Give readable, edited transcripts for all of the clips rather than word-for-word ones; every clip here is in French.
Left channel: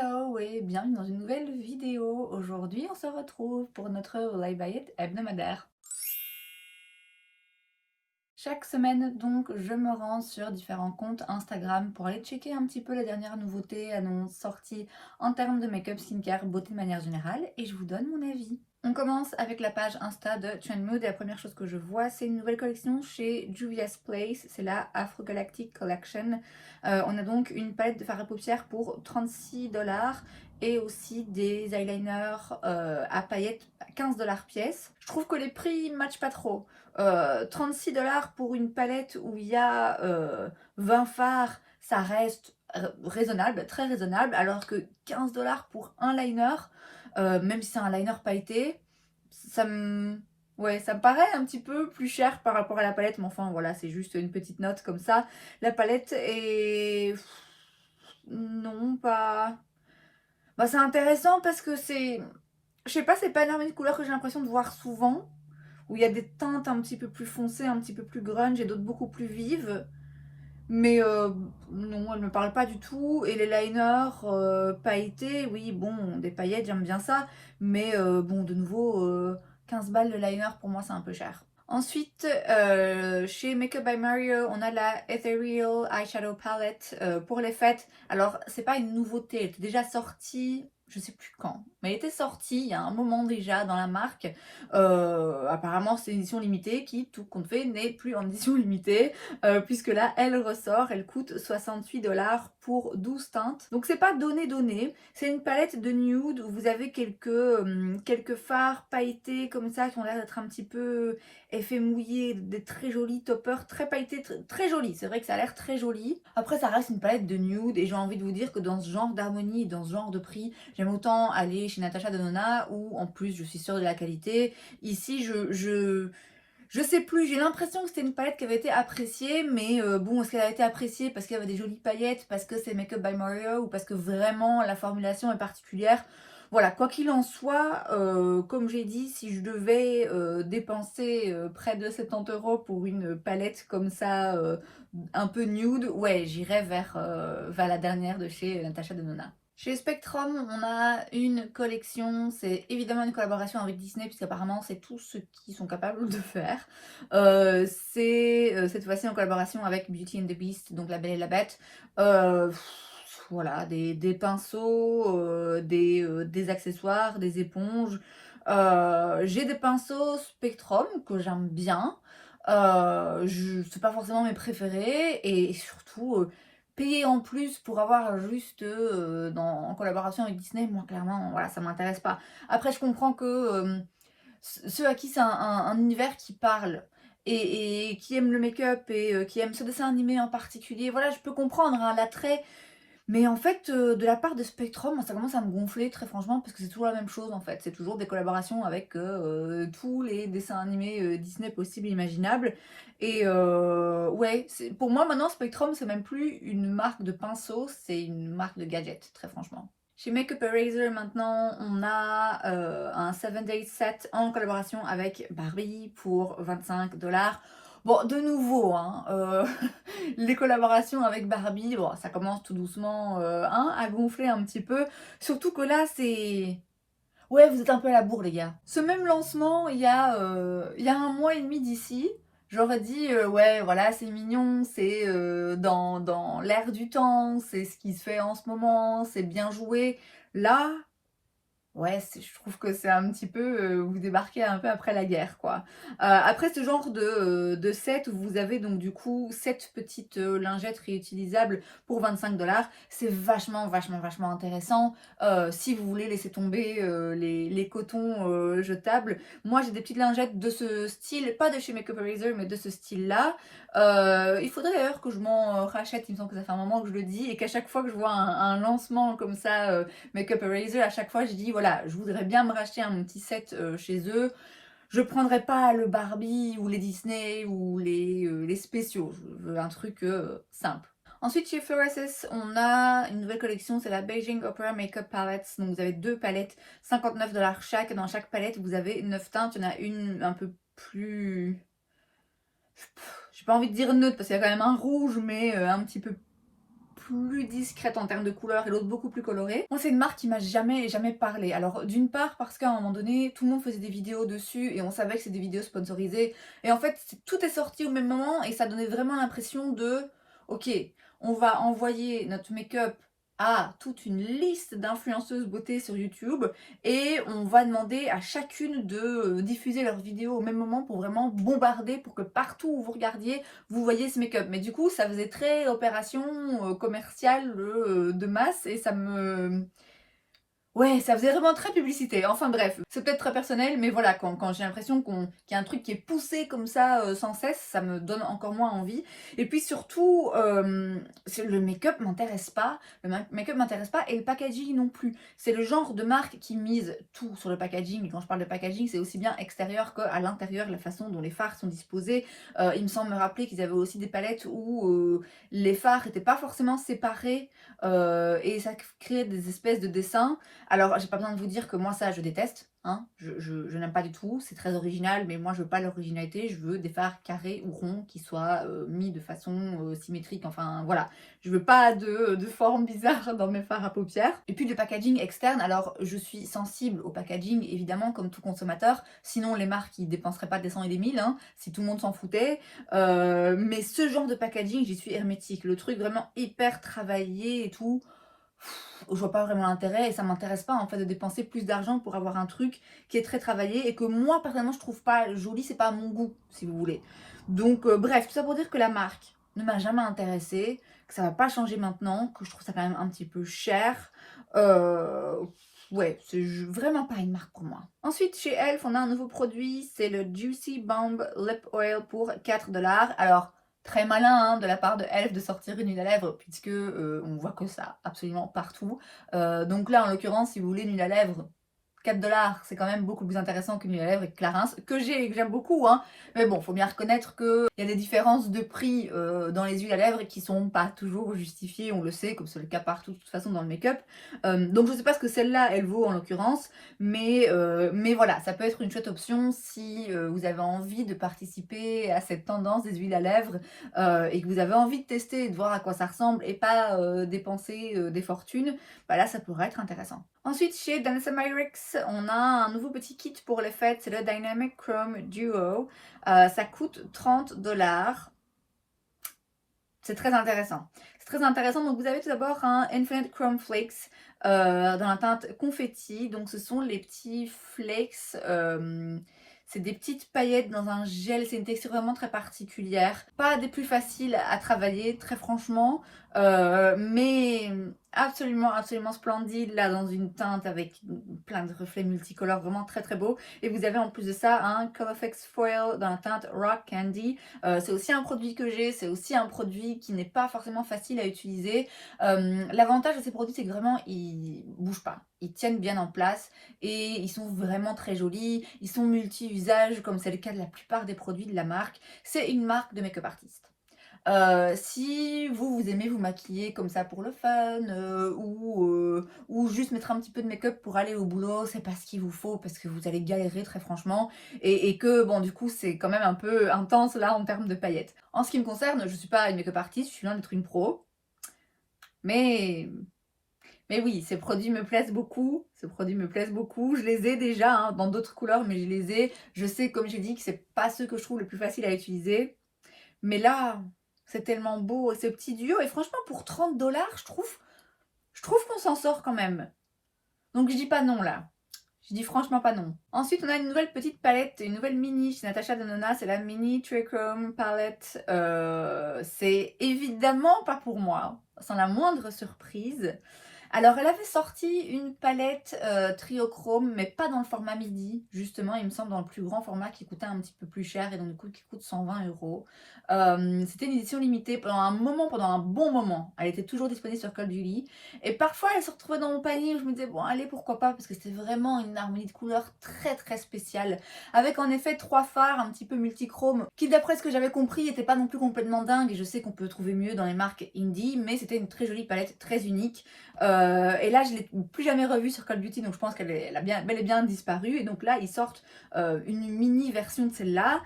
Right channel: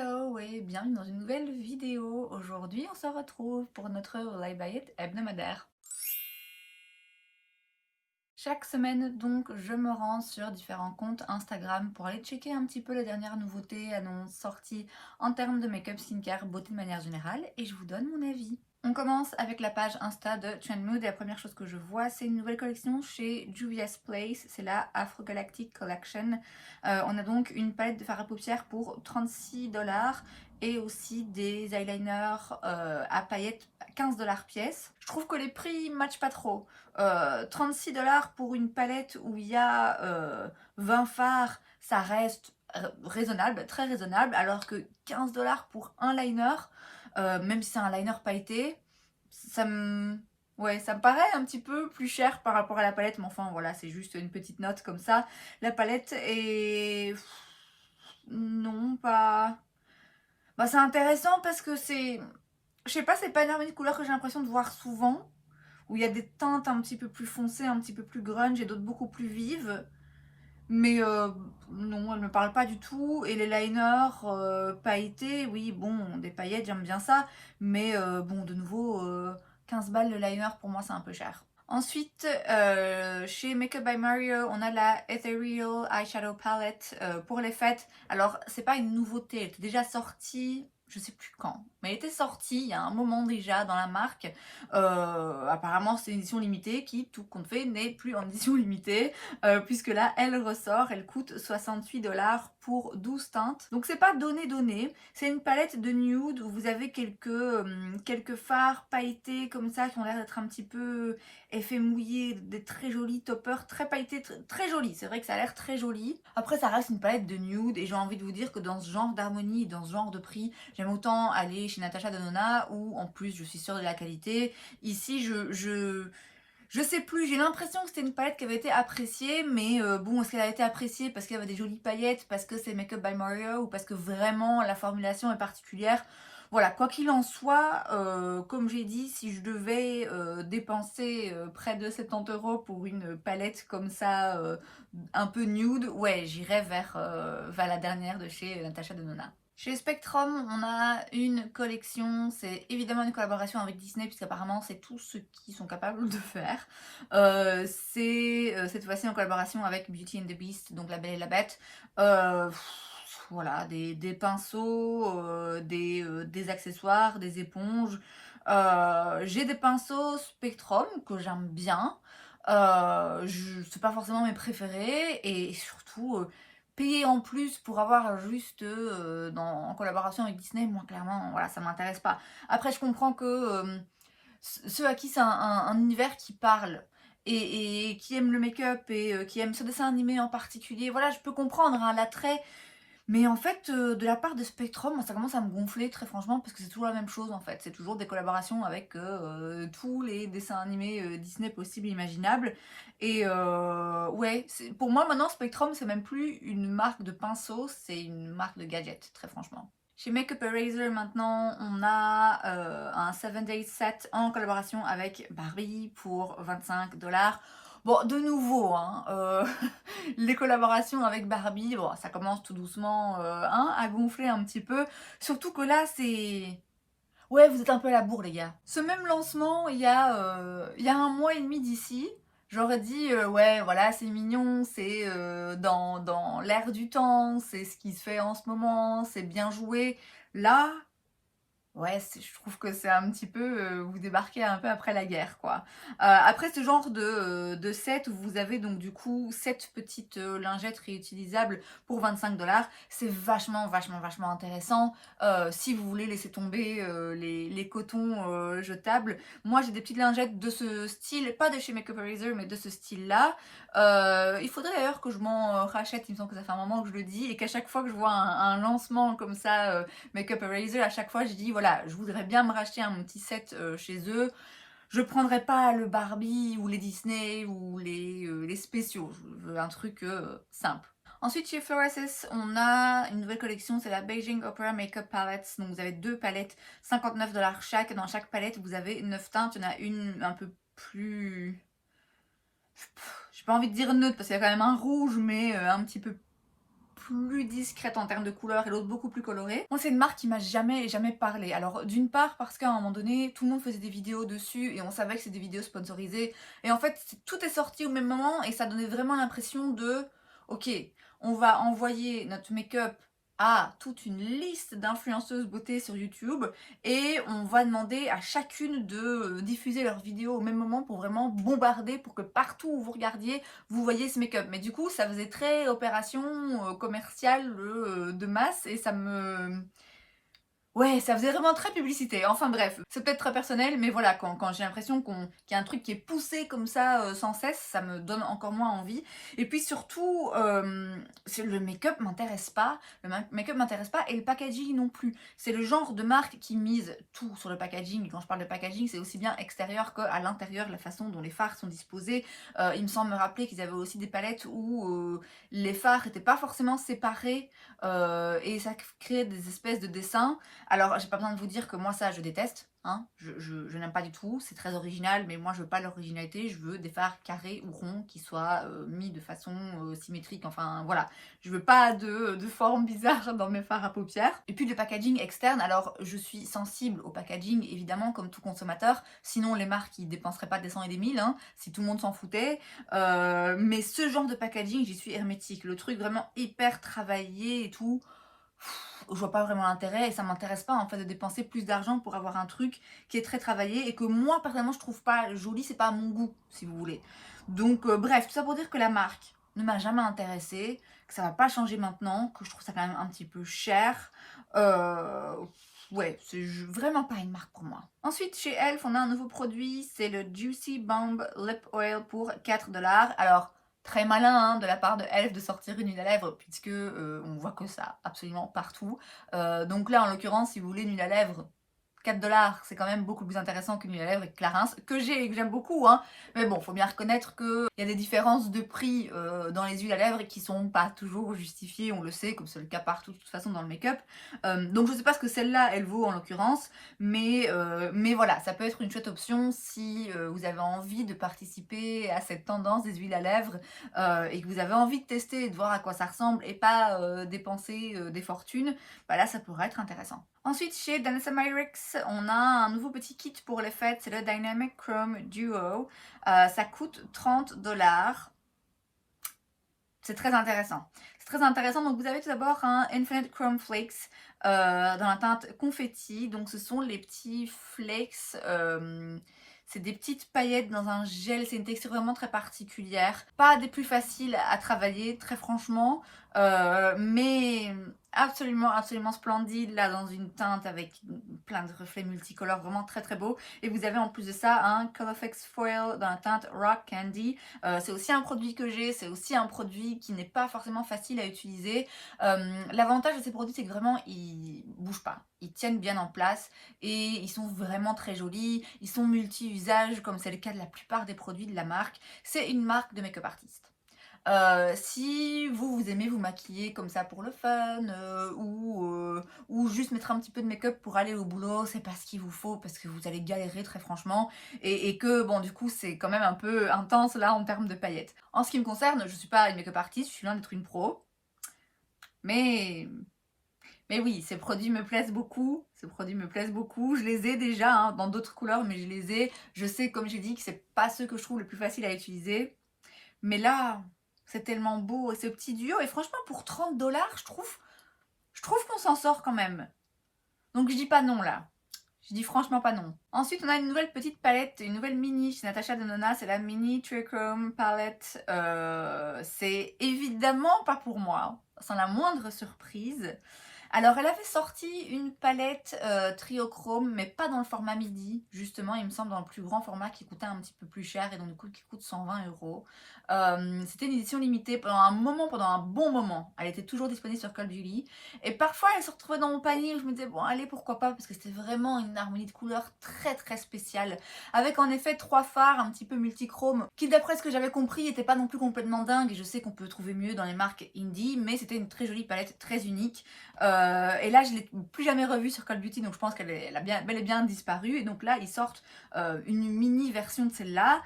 Hello et bienvenue dans une nouvelle vidéo. Aujourd'hui, on se retrouve pour notre Live by It hebdomadaire. Chaque semaine, donc, je me rends sur différents comptes Instagram pour aller checker un petit peu les dernières nouveautés, annonces, sorties en termes de make-up, skincare, beauté de manière générale et je vous donne mon avis. On commence avec la page Insta de Trendmood et la première chose que je vois, c'est une nouvelle collection chez Juvia's Place, c'est la Afro Galactic Collection. On a donc une palette de fard à paupières pour 36$ et aussi des eyeliners à paillettes à 15$ pièce. Je trouve que les prix ne matchent pas trop. 36$ pour une palette où il y a 20 fards, ça reste raisonnable, très raisonnable, alors que 15$ pour un liner, même si c'est un liner pailleté, ça me... Ouais, ça me paraît un petit peu plus cher par rapport à la palette, mais enfin voilà, c'est juste une petite note comme ça. La palette est... Non, pas... Bah, c'est intéressant parce que c'est... Je sais pas, c'est pas une harmonie de couleurs que j'ai l'impression de voir souvent, où il y a des teintes un petit peu plus foncées, un petit peu plus grunge et d'autres beaucoup plus vives. Mais non, elle me parle pas du tout. Et les liners pailletés, oui, bon, des paillettes, j'aime bien ça. Mais bon, de nouveau, 15 balles le liner, pour moi, c'est un peu cher. Ensuite, chez Makeup by Mario, on a la Ethereal Eyeshadow Palette pour les fêtes. Alors, c'est pas une nouveauté, elle était déjà sortie, je sais plus quand, mais elle était sortie il y a un moment déjà dans la marque. Apparemment, c'est une édition limitée qui, tout compte fait, n'est plus en édition limitée, puisque là, elle ressort, elle coûte 68$ pour 12 teintes. Donc, c'est pas donné, c'est une palette de nude où vous avez quelques fards pailletés comme ça qui ont l'air d'être un petit peu effet mouillé, des très jolis toppers, très pailletés, très jolis. C'est vrai que ça a l'air très joli. Après, ça reste une palette de nude et j'ai envie de vous dire que dans ce genre d'harmonie, dans ce genre de prix, j'aime autant aller chez Natasha Denona où en plus je suis sûre de la qualité. Ici, je sais plus, j'ai l'impression que c'était une palette qui avait été appréciée, mais bon, est-ce qu'elle a été appréciée parce qu'il y avait des jolies paillettes, parce que c'est Makeup by Mario ou parce que vraiment la formulation est particulière? Voilà, quoi qu'il en soit, comme j'ai dit, si je devais dépenser près de 70€ pour une palette comme ça, un peu nude, ouais, j'irais vers la dernière de chez Natasha Denona. Chez Spectrum, on a une collection, c'est évidemment une collaboration avec Disney, puisqu'apparemment c'est tout ce qu'ils sont capables de faire. C'est cette fois-ci en collaboration avec Beauty and the Beast, donc La Belle et la Bête. Euh, voilà, des pinceaux, des accessoires, des éponges. J'ai des pinceaux Spectrum que j'aime bien. C'est pas forcément mes préférés et surtout payer en plus pour avoir juste en collaboration avec Disney, moi clairement, voilà, ça m'intéresse pas. Après, je comprends que ceux à qui c'est un univers qui parle et qui aiment le make-up et qui aiment ce dessin animé en particulier, voilà, je peux comprendre hein, l'attrait. Mais en fait, de la part de Spectrum, ça commence à me gonfler très franchement parce que c'est toujours la même chose en fait. C'est toujours des collaborations avec tous les dessins animés Disney possibles et imaginables. Et ouais, pour moi maintenant Spectrum c'est même plus une marque de pinceau, c'est une marque de gadgets, très franchement. Chez Makeup Eraser maintenant, on a un 7 Days set en collaboration avec Barbie pour 25$. Bon, de nouveau, hein, les collaborations avec Barbie, bon, ça commence tout doucement hein, à gonfler un petit peu. Surtout que là, c'est... Ouais, vous êtes un peu à la bourre, les gars. Ce même lancement, il y a un mois et demi d'ici, j'aurais dit, ouais, voilà, c'est mignon, c'est dans l'air du temps, c'est ce qui se fait en ce moment, c'est bien joué. Là, ouais, je trouve que c'est un petit peu, vous débarquez un peu après la guerre, quoi. Après ce genre de set où vous avez donc du coup 7 petites lingettes réutilisables pour 25$, c'est vachement intéressant. Si vous voulez laisser tomber les cotons jetables, moi j'ai des petites lingettes de ce style, pas de chez Makeup Eraser, mais de ce style-là. Il faudrait d'ailleurs que je m'en rachète, il me semble que ça fait un moment que je le dis, et qu'à chaque fois que je vois un lancement comme ça, Makeup Eraser, à chaque fois je dis voilà, je voudrais bien me racheter un petit set chez eux. Je prendrai pas le Barbie ou les Disney ou les spéciaux, je veux un truc simple. Ensuite chez Fluorescence, on a une nouvelle collection, c'est la Beijing Opera Makeup Palettes. Donc vous avez deux palettes, 59$ chaque. Dans chaque palette, vous avez 9 teintes. Il y en a une un peu plus... J'ai pas envie de dire neutre parce qu'il y a quand même un rouge, mais un petit peu plus discrète en termes de couleurs et l'autre beaucoup plus colorée. Moi, c'est une marque qui m'a jamais parlé. Alors, d'une part, parce qu'à un moment donné, tout le monde faisait des vidéos dessus et on savait que c'est des vidéos sponsorisées. Et en fait, tout est sorti au même moment et ça donnait vraiment l'impression de, ok, on va envoyer notre make-up à toute une liste d'influenceuses beauté sur YouTube et on va demander à chacune de diffuser leurs vidéos au même moment pour vraiment bombarder pour que partout où vous regardiez, vous voyez ce make-up. Mais du coup, ça faisait très opération commerciale de masse et ça me... Ouais, ça faisait vraiment très publicité. Enfin bref, c'est peut-être très personnel, mais voilà, quand j'ai l'impression qu'il y a un truc qui est poussé comme ça sans cesse, ça me donne encore moins envie. Et puis surtout, le make-up m'intéresse pas, make-up m'intéresse pas et le packaging non plus. C'est le genre de marque qui mise tout sur le packaging. Quand je parle de packaging, c'est aussi bien extérieur qu'à l'intérieur, la façon dont les fards sont disposés. Il me semble me rappeler qu'ils avaient aussi des palettes où les fards n'étaient pas forcément séparés et ça créait des espèces de dessins. Alors, j'ai pas besoin de vous dire que moi, ça, je déteste. Hein. Je n'aime pas du tout. C'est très original, mais moi, je veux pas l'originalité. Je veux des fards carrés ou ronds qui soient mis de façon symétrique. Enfin, voilà. Je veux pas de forme bizarre dans mes fards à paupières. Et puis, le packaging externe. Alors, je suis sensible au packaging, évidemment, comme tout consommateur. Sinon, les marques, ils dépenseraient pas des cents et des mille, hein, si tout le monde s'en foutait. Mais ce genre de packaging, j'y suis hermétique. Le truc vraiment hyper travaillé et tout, je vois pas vraiment l'intérêt et ça m'intéresse pas en fait de dépenser plus d'argent pour avoir un truc qui est très travaillé et que moi personnellement je trouve pas joli, c'est pas à mon goût si vous voulez. Donc bref, tout ça pour dire que la marque ne m'a jamais intéressée, que ça va pas changer maintenant, que je trouve ça quand même un petit peu cher. Ouais, c'est vraiment pas une marque pour moi. Ensuite, chez Elf, on a un nouveau produit, c'est le Juicy Bomb Lip Oil pour 4 $. Alors, très malin hein, de la part de Elf de sortir une huile à lèvres, puisque on voit que ça absolument partout. Donc là, en l'occurrence, si vous voulez une huile à lèvres, 4 $, c'est quand même beaucoup plus intéressant qu'une huile à lèvres avec Clarins, que j'aime beaucoup, hein. Mais bon, faut bien reconnaître qu'il y a des différences de prix dans les huiles à lèvres qui sont pas toujours justifiées, on le sait, comme c'est le cas partout de toute façon dans le make-up. Donc je sais pas ce que celle-là, elle vaut en l'occurrence, mais voilà, ça peut être une chouette option si vous avez envie de participer à cette tendance des huiles à lèvres et que vous avez envie de tester et de voir à quoi ça ressemble et pas dépenser des fortunes, bah là ça pourrait être intéressant. Ensuite, chez Danessa Myricks, on a un nouveau petit kit pour les fêtes, c'est le Dynamic Chrome Duo. Ça coûte 30 $. C'est très intéressant. C'est très intéressant. Donc, vous avez tout d'abord un Infinite Chrome Flakes dans la teinte confetti. Donc, ce sont les petits flakes. C'est des petites paillettes dans un gel. C'est une texture vraiment très particulière. Pas des plus faciles à travailler, très franchement. Mais absolument, absolument splendide. Là, dans une teinte avec plein de reflets multicolores. Vraiment très, très beau. Et vous avez en plus de ça un Colorfix Foil dans la teinte Rock Candy. C'est aussi un produit que j'ai. C'est aussi un produit qui n'est pas forcément facile à utiliser. L'avantage de ces produits, c'est que vraiment, ils bougent pas. Ils tiennent bien en place et ils sont vraiment très jolis. Ils sont multi-usages, comme c'est le cas de la plupart des produits de la marque. C'est une marque de make-up artiste. Si vous aimez vous maquiller comme ça pour le fun ou juste mettre un petit peu de make-up pour aller au boulot, c'est pas ce qu'il vous faut parce que vous allez galérer très franchement et que bon du coup c'est quand même un peu intense là en termes de paillettes. En ce qui me concerne, je suis pas une make-up artiste, je suis loin d'être une pro, mais oui, ces produits me plaisent beaucoup. Ces produits me plaisent beaucoup. Je les ai déjà hein, dans d'autres couleurs, mais je les ai. Je sais, comme j'ai dit, que c'est pas ceux que je trouve le plus facile à utiliser. Mais là, c'est tellement beau, ce petit duo. Et franchement, pour 30 $, je trouve qu'on s'en sort quand même. Donc, je dis pas non, là. Je dis franchement pas non. Ensuite, on a une nouvelle petite palette, une nouvelle mini chez Natasha Denona. C'est la Mini Trichrome Palette. C'est évidemment pas pour moi, sans la moindre surprise. Alors, elle avait sorti une palette triochrome, mais pas dans le format midi, justement, il me semble dans le plus grand format qui coûtait un petit peu plus cher et donc du coup qui coûte 120 €. C'était une édition limitée pendant un bon moment. Elle était toujours disponible sur Call Beauty. Et parfois, elle se retrouvait dans mon panier où je me disais, bon, allez, pourquoi pas, parce que c'était vraiment une harmonie de couleurs très très spéciale. Avec en effet 3 fards un petit peu multichrome, qui d'après ce que j'avais compris, n'étaient pas non plus complètement dingues. Et je sais qu'on peut trouver mieux dans les marques indie, mais c'était une très jolie palette, très unique. Et là, je ne l'ai plus jamais revue sur Call Beauty, donc je pense qu'elle a bel et bien disparu. Et donc là, ils sortent une mini version de celle-là.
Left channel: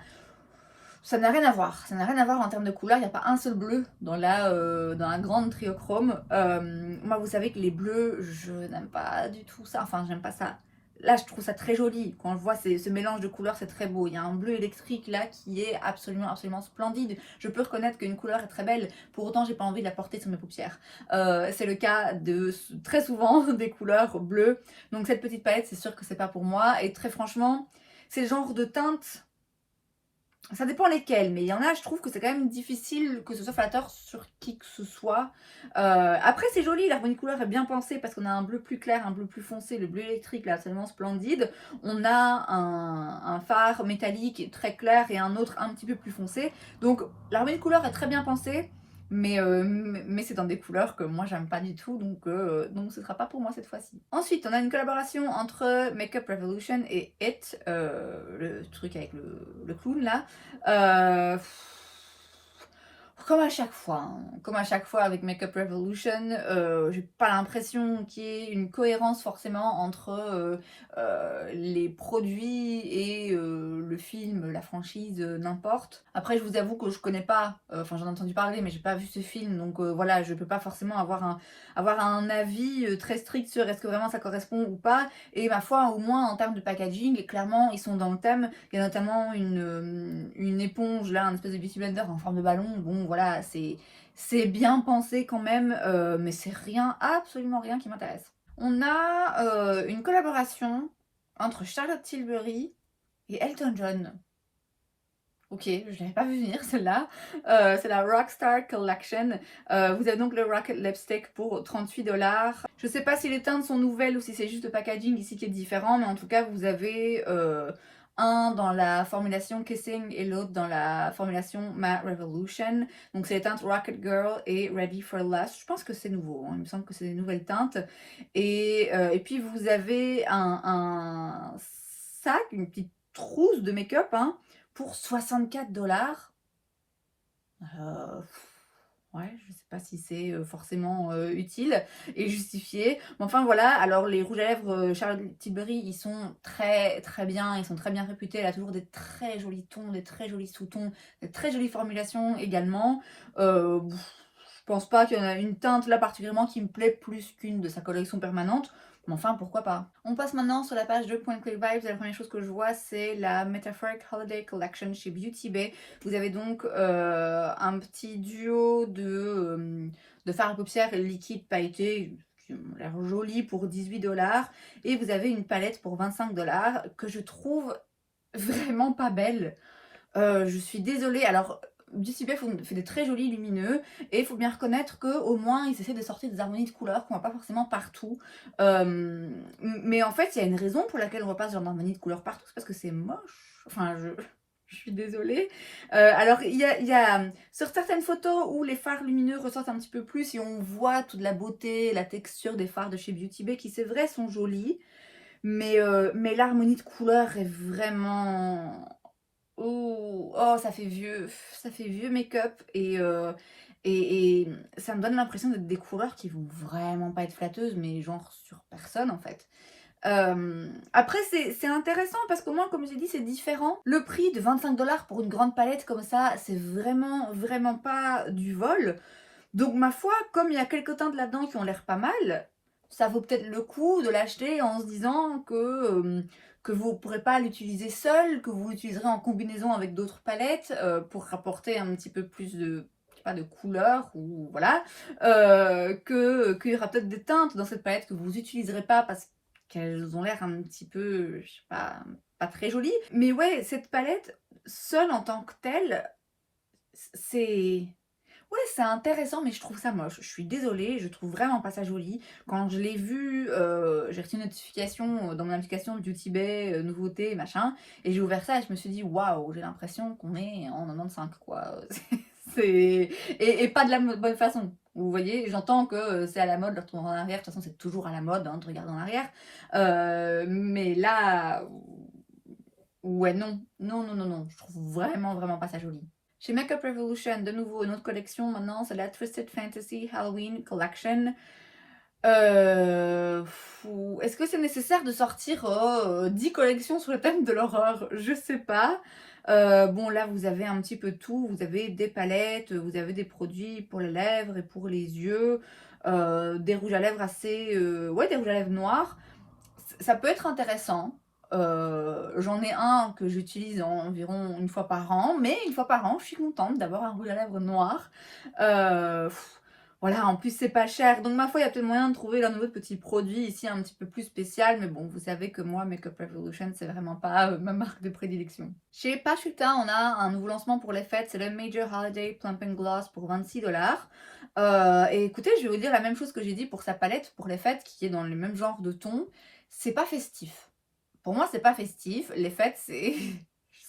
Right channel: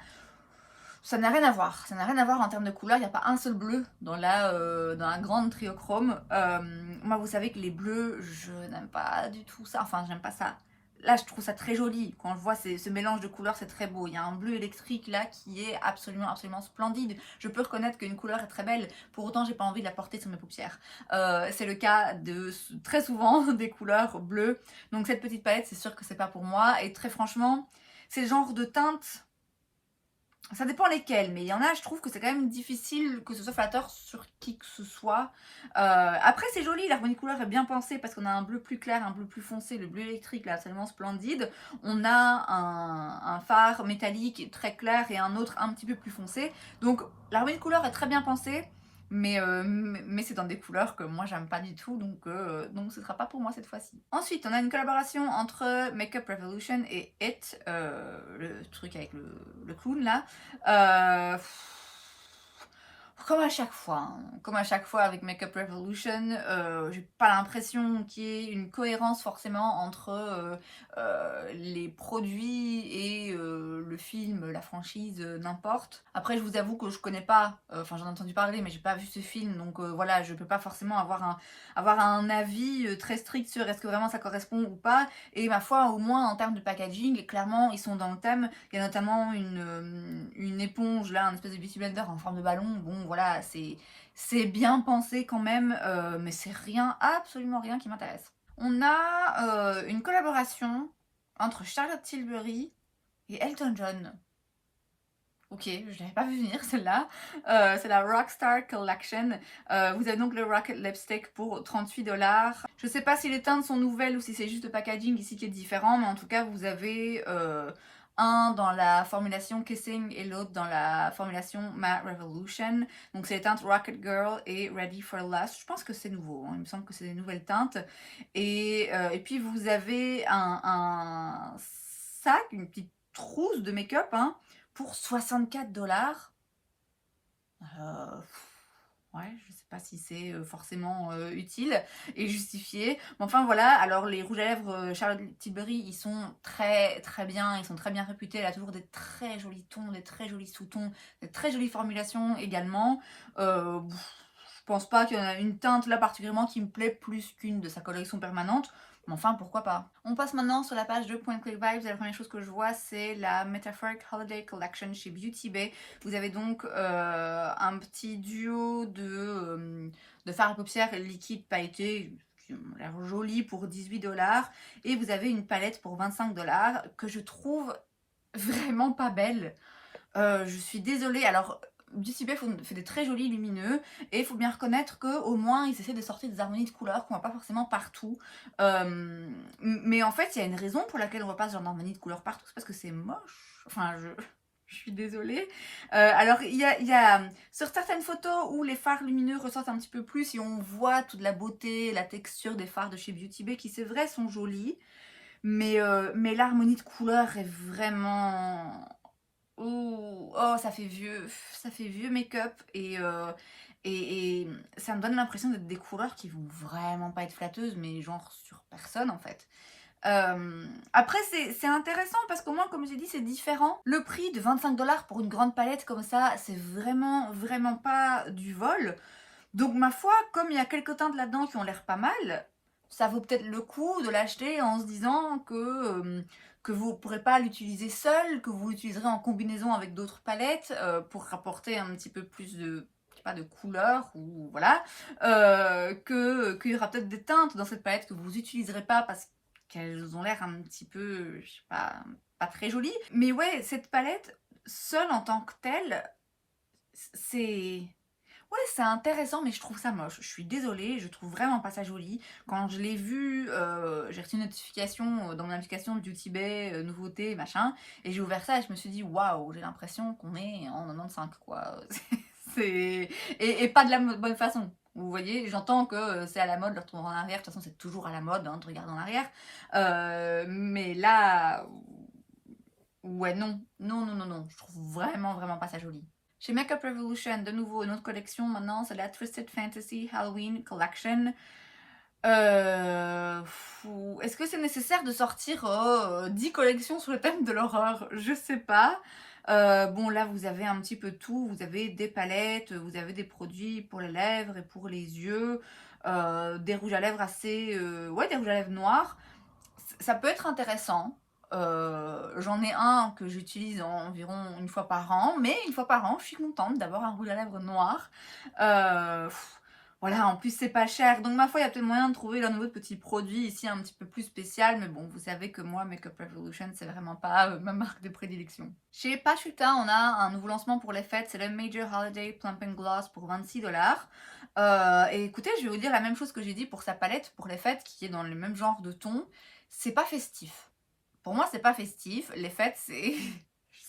Ça n'a rien à voir, ça n'a rien à voir en termes de couleur, il n'y a pas un seul bleu dans la grande triochrome. Moi vous savez que les bleus, je n'aime pas du tout ça, enfin j'aime pas ça. Là je trouve ça très joli, quand je vois ce mélange de couleurs c'est très beau. Il y a un bleu électrique là qui est absolument absolument splendide. Je peux reconnaître qu'une couleur est très belle, pour autant j'ai pas envie de la porter sur mes paupières. C'est le cas de très souvent des couleurs bleues, donc cette petite palette c'est sûr que c'est pas pour moi. Et très franchement, c'est le genre de teinte, ça dépend lesquels, mais il y en a, je trouve que c'est quand même difficile que ce soit flatteur sur qui que ce soit. Après, c'est joli, l'harmonie couleur est bien pensée parce qu'on a un bleu plus clair, un bleu plus foncé, le bleu électrique là, absolument splendide. On a un phare métallique très clair et un autre un petit peu plus foncé. Donc, l'harmonie couleur est très bien pensée. Mais c'est dans des couleurs que moi j'aime pas du tout, donc ce sera pas pour moi cette fois-ci. Ensuite, on a une collaboration entre Makeup Revolution et It, le truc avec le clown là. Euh, comme à chaque fois avec Makeup Revolution, j'ai pas l'impression qu'il y ait une cohérence forcément entre les produits et le film, la franchise, n'importe. Après, je vous avoue que je connais pas, enfin j'en ai entendu parler, mais j'ai pas vu ce film, donc voilà, je peux pas forcément avoir un avis très strict sur est-ce que vraiment ça correspond ou pas. Et ma foi, au moins en termes de packaging, clairement ils sont dans le thème. Il y a notamment une éponge là, un espèce de beauty blender en forme de ballon. Bon voilà, c'est bien pensé quand même, mais c'est rien, absolument rien qui m'intéresse. On a une collaboration entre Charlotte Tilbury et Elton John. Ok, je l'avais pas vu venir celle-là. C'est la Rockstar Collection. Vous avez donc le Rocket Lipstick pour 38 $. Je sais pas si les teintes sont nouvelles ou si c'est juste le packaging ici qui est différent, mais en tout cas, vous avez un dans la formulation Kissing et l'autre dans la formulation Matte Revolution. Donc, c'est les teintes Rocket Girl et Ready for Lust. Je pense que c'est nouveau, hein. Il me semble que c'est des nouvelles teintes. Et puis, vous avez un sac, une petite trousse de make-up, hein, pour 64 $. Ouais, je sais pas si c'est forcément utile et justifié. Mais enfin voilà, alors les rouges à lèvres Charlotte Tilbury, ils sont très très bien, ils sont très bien réputés. Elle a toujours des très jolis tons, des très jolis sous-tons, des très jolies formulations également. Je pense pas qu'il y en a une teinte là particulièrement qui me plaît plus qu'une de sa collection permanente. Mais enfin, pourquoi pas. On passe maintenant sur la page de Point Click Vibes. La première chose que je vois, c'est la Metaphoric Holiday Collection chez Beauty Bay. Vous avez donc un petit duo de fard à paupières liquide pailleté qui ont l'air joli pour 18 $. Et vous avez une palette pour 25 $ que je trouve vraiment pas belle. Je suis désolée. Alors, Beauty Bay fait des très jolis lumineux et il faut bien reconnaître qu'au moins ils essaient de sortir des harmonies de couleurs qu'on voit pas forcément partout. Mais en fait, il y a une raison pour laquelle on voit pas ce genre d'harmonie de couleurs partout, c'est parce que c'est moche. Enfin, je suis désolée. Alors, il y a sur certaines photos où les fards lumineux ressortent un petit peu plus et on voit toute la beauté, la texture des fards de chez Beauty Bay qui, c'est vrai, sont jolis. Mais l'harmonie de couleurs est vraiment... Oh, ça fait vieux make-up et ça me donne l'impression d'être des couleurs qui vont vraiment pas être flatteuses, mais genre sur personne en fait. Après, c'est intéressant parce qu'au moins, comme j'ai dit, c'est différent. Le prix de 25 $ pour une grande palette comme ça, c'est vraiment, vraiment pas du vol. Donc, ma foi, comme il y a quelques teintes là-dedans qui ont l'air pas mal, ça vaut peut-être le coup de l'acheter en se disant que vous ne pourrez pas l'utiliser seul, que vous l'utiliserez en combinaison avec d'autres palettes pour rapporter un petit peu plus de, je sais pas, de couleurs ou voilà, qu'il y aura peut-être des teintes dans cette palette que vous n'utiliserez pas parce qu'elles ont l'air un petit peu, je sais pas très jolies. Mais ouais, cette palette, seule en tant que telle, c'est... Ouais, c'est intéressant, mais je trouve ça moche. Je suis désolée, je trouve vraiment pas ça joli. Quand je l'ai vu, j'ai reçu une notification dans mon application de Beauty Bay, nouveauté, machin, et j'ai ouvert ça et je me suis dit, waouh, j'ai l'impression qu'on est en 95, quoi. Et pas de la bonne façon. Vous voyez, j'entends que c'est à la mode de retourner en arrière. De toute façon, c'est toujours à la mode hein, de regarder en arrière. Mais là, ouais, non. Non, non, non, non. Je trouve vraiment, vraiment pas ça joli. Chez Makeup Revolution, de nouveau, une autre collection maintenant, c'est la Twisted Fantasy Halloween Collection. Est-ce que c'est nécessaire de sortir 10 collections sur le thème de l'horreur? Je sais pas. Bon là vous avez un petit peu tout, vous avez des palettes, vous avez des produits pour les lèvres et pour les yeux, des rouges à lèvres assez, ouais des rouges à lèvres noirs. Ça peut être intéressant. J'en ai un que j'utilise environ une fois par an, mais une fois par an, je suis contente d'avoir un rouge à lèvres noir. Heu, voilà, en plus c'est pas cher, donc ma foi, il y a peut-être moyen de trouver un nouveau petit produit ici un petit peu plus spécial, mais bon, vous savez que moi, Makeup Revolution, c'est vraiment pas, ma marque de prédilection. Chez Pachuta, on a un nouveau lancement pour les fêtes, c'est le Major Holiday Plump and Gloss pour 26 $. Et écoutez, je vais vous dire la même chose que j'ai dit pour sa palette pour les fêtes, qui est dans le même genre de ton. C'est pas festif. Pour moi, c'est pas festif. Les fêtes, c'est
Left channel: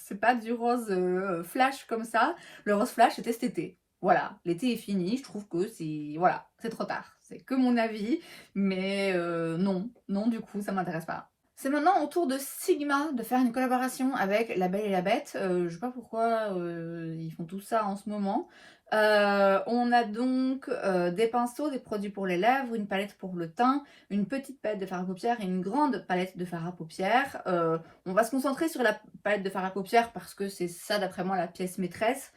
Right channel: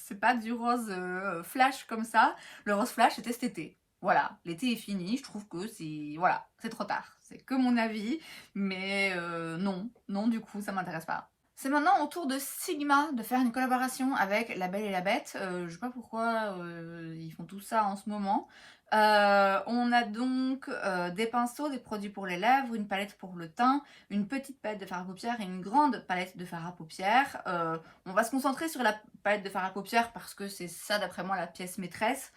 c'est pas du rose, flash comme ça. Le rose flash, c'était cet été. Voilà, l'été est fini, je trouve que c'est voilà, c'est trop tard. C'est que mon avis, mais non, non, du coup, ça m'intéresse pas. C'est maintenant au tour de Sigma de faire une collaboration avec La Belle et la Bête. Je sais pas pourquoi, ils font tout ça en ce moment. On a donc, des pinceaux, des produits pour les lèvres, une palette pour le teint, une petite palette de fard à paupières et une grande palette de fard à paupières. On va se concentrer sur la palette de fard à paupières parce que c'est ça d'après moi la pièce maîtresse.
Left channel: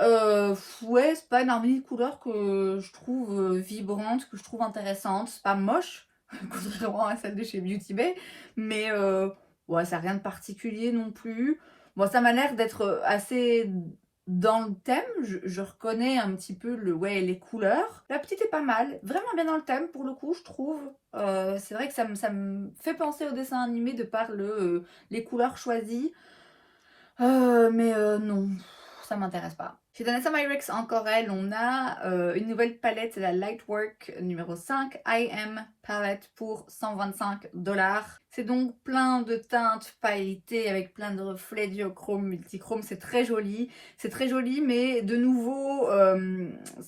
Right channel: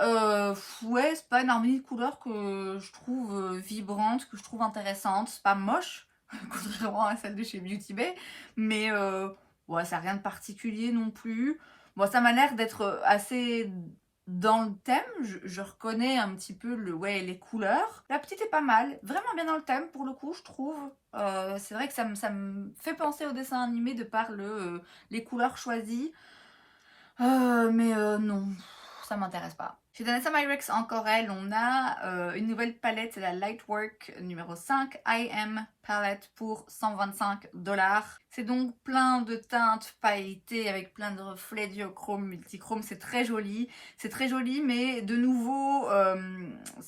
Ouais, c'est pas une harmonie de couleurs que je trouve, vibrante, que je trouve intéressante. C'est pas moche, contrairement à celle de chez Beauty Bay, mais ouais, ça a rien de particulier non plus. Bon, ça m'a l'air d'être, assez dans le thème. Je reconnais un petit peu ouais, les couleurs. La petite est pas mal, vraiment bien dans le thème pour le coup, je trouve. C'est vrai que ça me fait penser au dessin animé de par les couleurs choisies. Mais non, ça m'intéresse pas. Chez Danessa Myricks, encore elle, on a une nouvelle palette, c'est la Lightwork numéro 5 IM Palette pour 125 $. C'est donc plein de teintes pailletées avec plein de reflets duochrome, multichrome, c'est très joli. C'est très joli, mais de nouveau,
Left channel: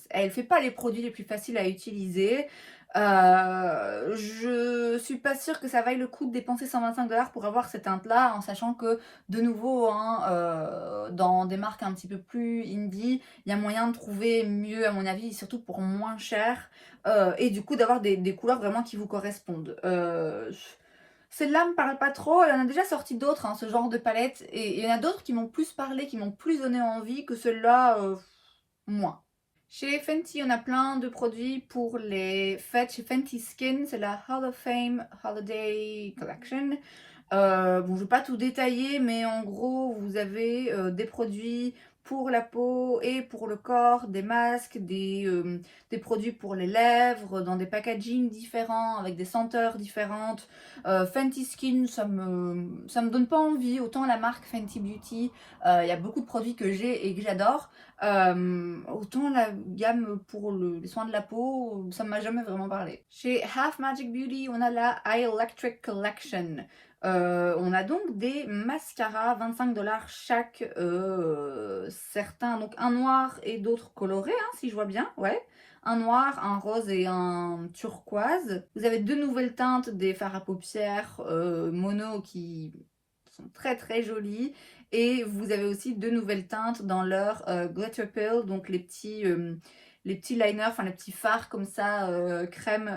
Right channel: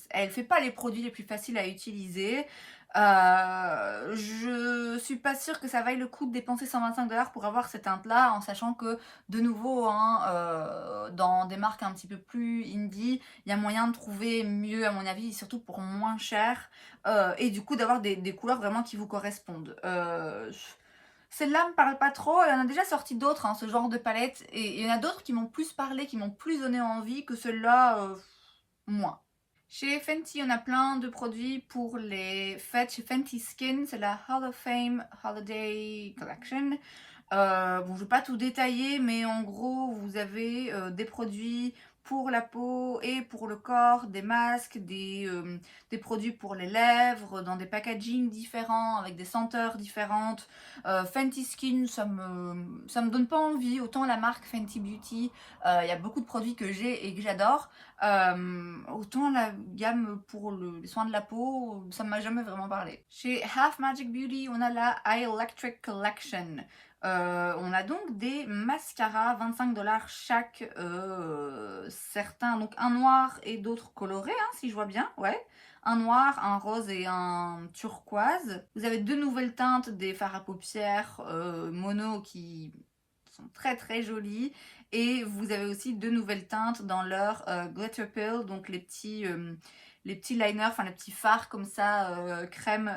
elle fait pas les produits les plus faciles à utiliser. Je suis pas sûre que ça vaille le coup de dépenser 125 $ pour avoir cette teinte là, en sachant que de nouveau, hein, dans des marques un petit peu plus indie, il y a moyen de trouver mieux à mon avis, surtout pour moins cher, et du coup d'avoir des couleurs vraiment qui vous correspondent. Celle-là me parle pas trop, elle en a déjà sorti d'autres, hein, ce genre de palette, et il y en a d'autres qui m'ont plus parlé, qui m'ont plus donné envie que celle-là, moins. Chez Fenty, on a plein de produits pour les fêtes. Chez Fenty Skin, c'est la Hall of Fame Holiday Collection. Bon, je ne vais pas tout détailler, mais en gros, vous avez des produits pour la peau et pour le corps, des masques, des produits pour les lèvres, dans des packagings différents, avec des senteurs différentes. Fenty Skin, ça me donne pas envie. Autant la marque Fenty Beauty, il y a beaucoup de produits que j'ai et que j'adore. Autant la gamme pour les soins de la peau, ça ne m'a jamais vraiment parlé. Chez Half Magic Beauty, on a la Eye Electric Collection. On a donc des mascaras, 25 $ chaque, certains, donc un noir et d'autres colorés, hein, si je vois bien, ouais. Un noir, un rose et un turquoise. Vous avez deux nouvelles teintes des fards à paupières mono qui sont très très jolies. Et vous avez aussi deux nouvelles teintes dans leur Glitter Pill, donc les petits liners, enfin les petits fards comme ça, crème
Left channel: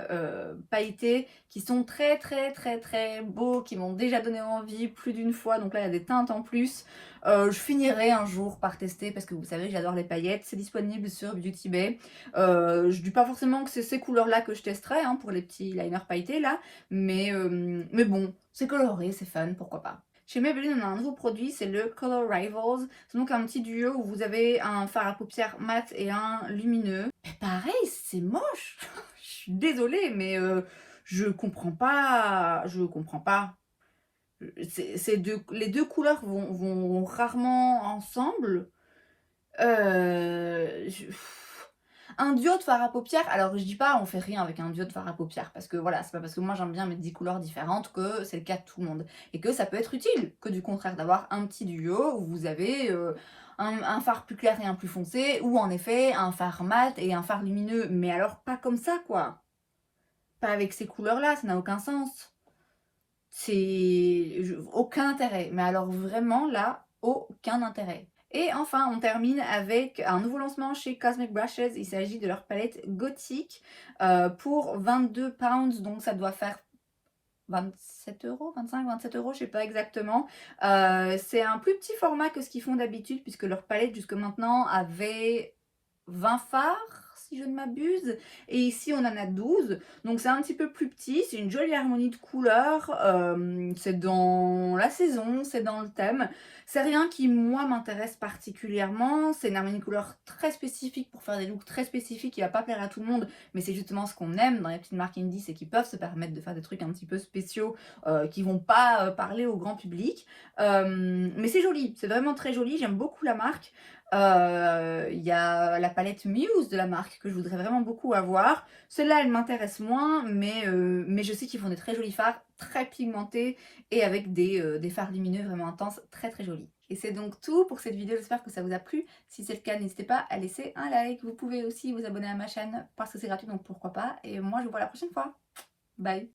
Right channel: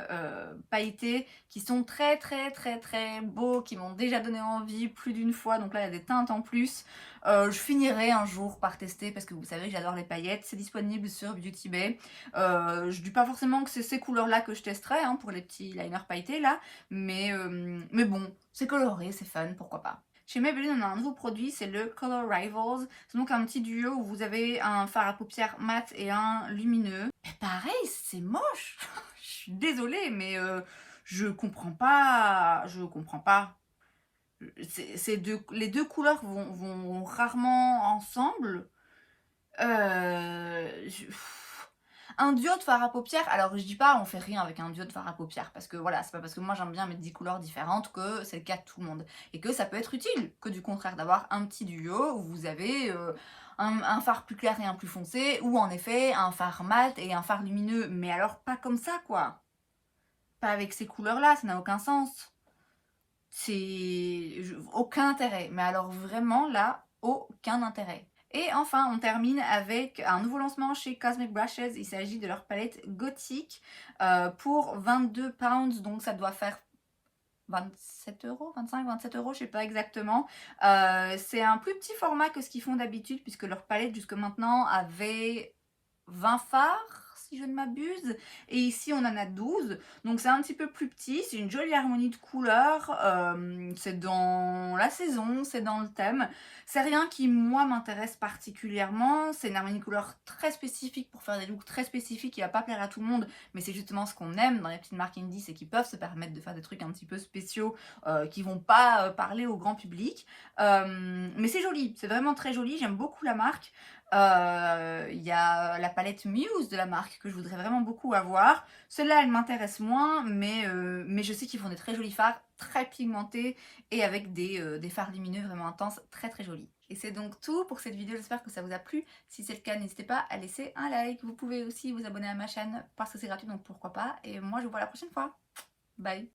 pailletés, qui sont très très très très beaux, qui m'ont déjà donné envie plus d'une fois. Donc là, il y a des teintes en plus. Je finirai un jour par tester parce que vous savez, j'adore les paillettes. C'est disponible sur Beauty Bay. Je dis pas forcément que c'est ces couleurs-là que je testerai, hein, pour les petits liners pailletés là, mais bon, c'est coloré, c'est fun, pourquoi pas. Chez Maybelline, on a un nouveau produit, c'est le Color Rivals. C'est donc un petit duo où vous avez un fard à paupières mat et un lumineux. Mais pareil, c'est moche. Je suis désolée, mais je comprends pas. Je comprends pas. Les deux couleurs vont rarement ensemble. Un duo de fard à paupières, alors je dis pas on fait rien avec un duo de fard à paupières, parce que voilà, c'est pas parce que moi j'aime bien mettre 10 couleurs différentes que c'est le cas de tout le monde. Et que ça peut être utile, que du contraire d'avoir un petit duo où vous avez un fard plus clair et un plus foncé, ou en effet un fard mat et un fard lumineux, mais alors pas comme ça quoi. Pas avec ces couleurs-là, ça n'a aucun sens. Aucun intérêt, mais alors vraiment là, aucun intérêt. Et enfin, on termine avec un nouveau lancement chez Cosmic Brushes. Il s'agit de leur palette gothique pour 22 pounds, donc ça doit faire 27 €, 25, 27 €, je sais pas exactement. C'est un plus petit format que ce qu'ils font d'habitude puisque leur palette jusque maintenant avait 20 fards, si je ne m'abuse, et ici on en a 12, donc c'est un petit peu plus petit, c'est une jolie harmonie de couleurs, c'est dans la saison, c'est dans le thème. C'est rien qui moi m'intéresse particulièrement, c'est une harmonie de couleurs très spécifique pour faire des looks très spécifiques qui va pas plaire à tout le monde, mais c'est justement ce qu'on aime dans les petites marques indie, c'est qu'ils peuvent se permettre de faire des trucs un petit peu spéciaux qui vont pas parler au grand public. Mais c'est joli, c'est vraiment très joli, j'aime beaucoup la marque. Il y a la palette Muse de la marque que je voudrais vraiment beaucoup avoir. Celle-là, elle m'intéresse moins, mais je sais qu'ils font des très jolis fards, très pigmentés et avec des fards lumineux vraiment intenses, très très jolis. Et c'est donc tout pour cette vidéo, j'espère que ça vous a plu. Si c'est le cas, n'hésitez pas à laisser un like. Vous pouvez aussi vous abonner à ma chaîne parce que c'est gratuit, donc pourquoi pas. Et moi, je vous vois la prochaine fois. Bye!